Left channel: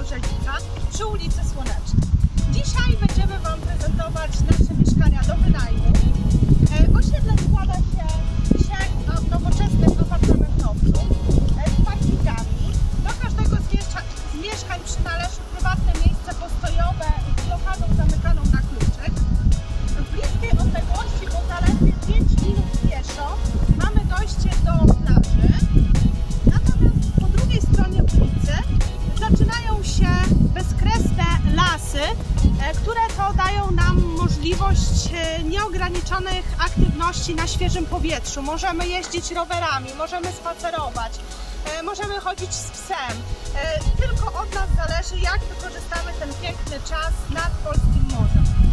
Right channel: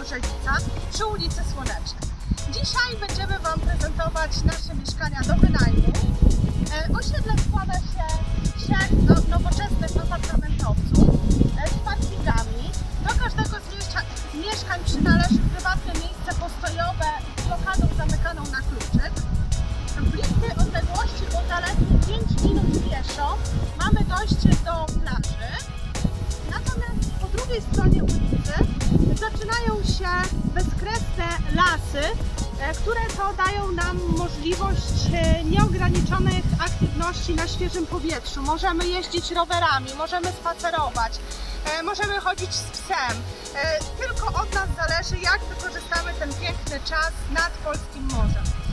Pogorzelica przy ulicy Słonecznej. Dzisiaj będziemy Wam prezentować nasze mieszkania do wynajmu. E, Osiedle składa się trzech no, e, które to dają nam możliwość e, nieograniczonych aktywności na świeżym powietrzu. Możemy jeździć rowerami, możemy spacerować, e, możemy chodzić z psem. Tylko od nas zależy, jak wykorzystamy ten piękny czas nad polskim morzem.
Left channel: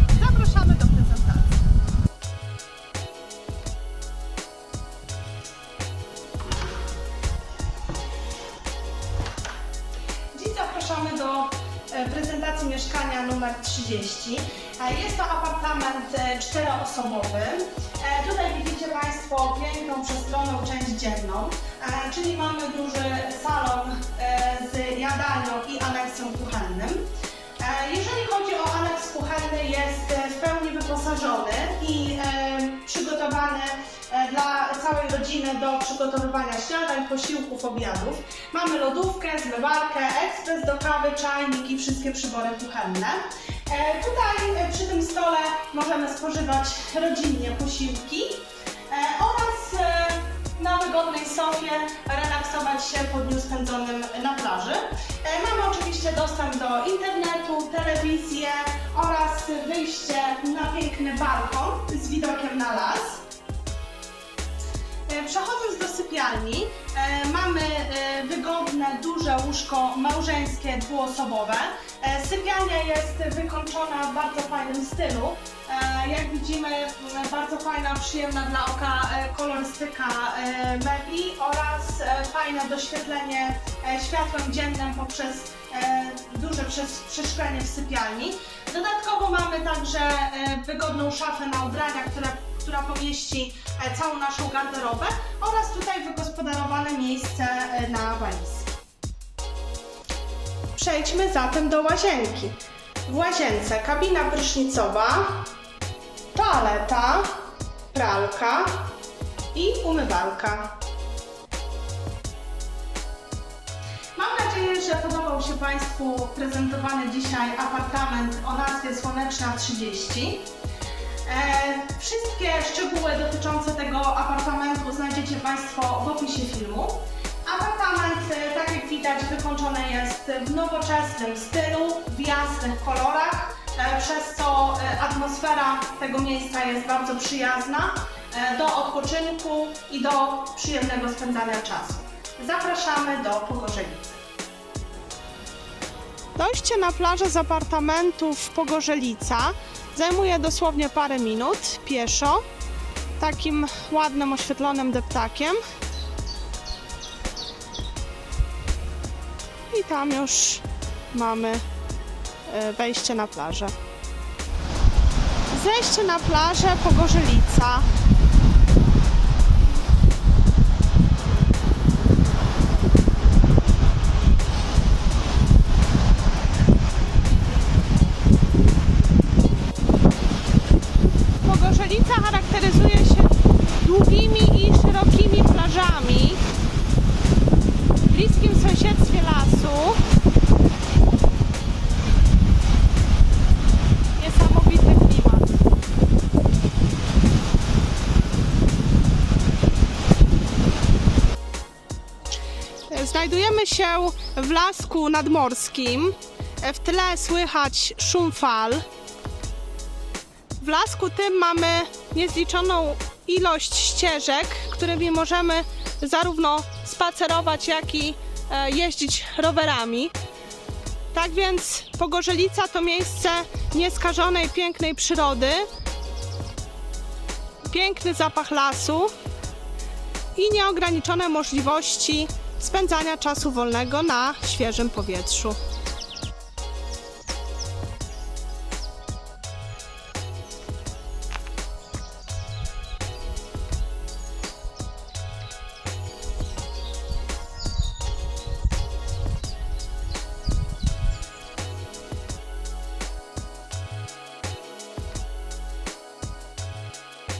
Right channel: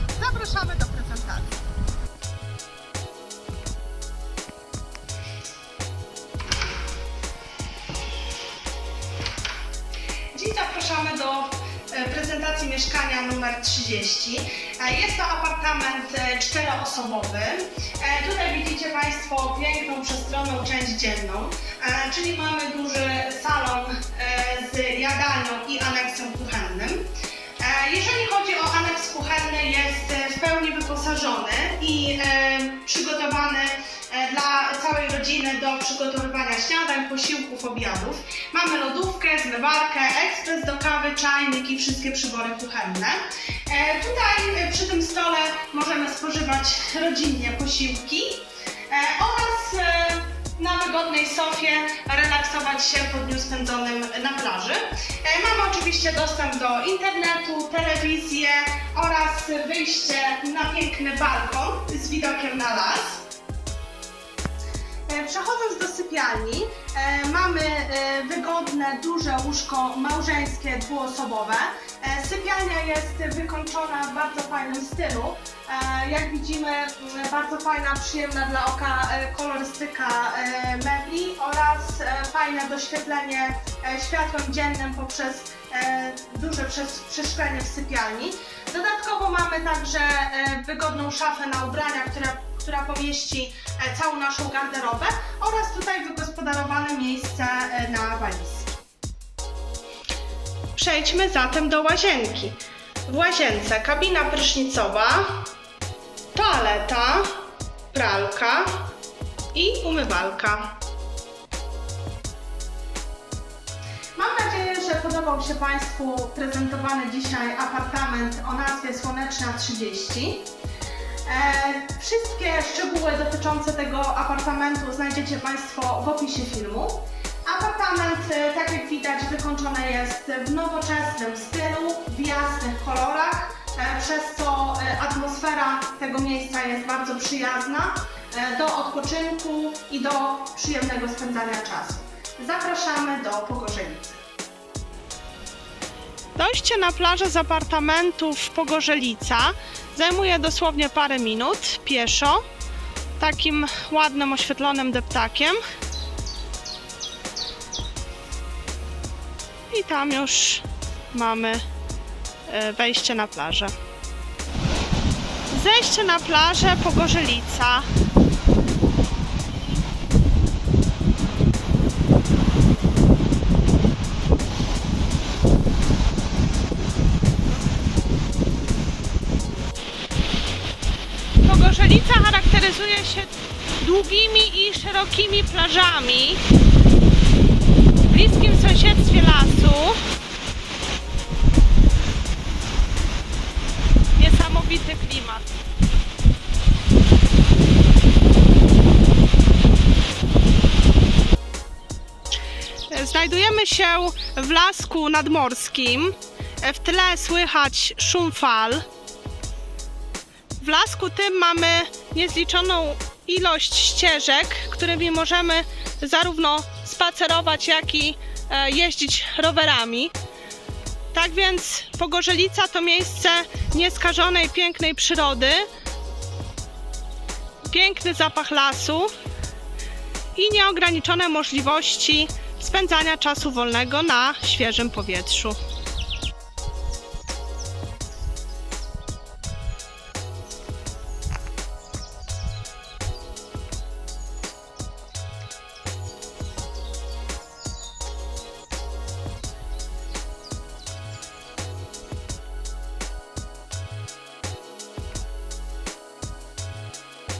Prezentacji mieszkania numer 30. E, Jest to apartament e, czteroosobowy. E, Tutaj widzicie Państwo piękną, przestronną część dzienną, czyli mamy duży salon z jadalnią i aneksem kuchennym. Jeżeli chodzi o aneks kuchenny, jest w pełni wyposażony i przygotowany dla całej rodziny do przygotowywania śniadań, posiłków, obiadów. Mamy lodówkę, zmywarkę, ekspres do kawy, czajnik i wszystkie przybory kuchenne. E, Tutaj e, przy tym stole możemy spożywać rodzinnie posiłki e, oraz na wygodnej sofie relaksować się po dniu spędzonym na plaży. Mamy oczywiście dostęp do internetu, telewizję oraz wyjście na piękny balkon z widokiem na las. E, Przechodząc do sypialni, e, mamy e, wygodne, duże łóżko małżeńskie, dwuosobowe. Sypialnia jest wykończona w bardzo fajnym stylu. Jak widzimy, bardzo fajna, przyjemna dla oka kolorystyka mebli oraz fajne doświetlenie światłem dziennym poprzez duże przes- przeszklenie w sypialni. Dodatkowo mamy także wygodną szafę na ubrania, która, która pomieści e, całą naszą garderobę oraz tutaj wygospodarowane miejsce e, na walizki. Przejdźmy zatem do łazienki. W łazience kabina prysznicowa, toaleta, pralka i umywalka. Mam nadzieję, że podobał się Państwu prezentowany dzisiaj apartament o nazwie Słoneczna 30. E, wszystkie szczegóły dotyczące tego apartamentu znajdziecie Państwo w opisie filmu. Apartament, e, tak jak widać, wykończony jest w nowoczesnym stylu, w jasnych kolorach, e, przez co atmosfera tego miejsca jest bardzo przyjazna do odpoczynku i do przyjemnego spędzania czasu. Zapraszamy do Pogorzelicy. Dojście na plażę z apartamentów Pogorzelica zajmuje dosłownie parę minut pieszo, takim ładnym, oświetlonym deptakiem. I tam już mamy e, wejście na plażę. Zejście na plażę Pogorzelica. Pogorzelica charakteryzuje się długimi i szerokimi plażami w bliskim sąsiedztwie lasu. Niesamowity klimat. Znajdujemy się w lasku nadmorskim. W tle słychać szum fal. W lasku tym mamy niezliczoną ilość ścieżek, którymi możemy zarówno spacerować, jak i e, jeździć rowerami. Tak więc Pogorzelica to miejsce nieskażonej, pięknej przyrody, piękny zapach lasu i nieograniczone możliwości spędzania czasu wolnego na świeżym powietrzu.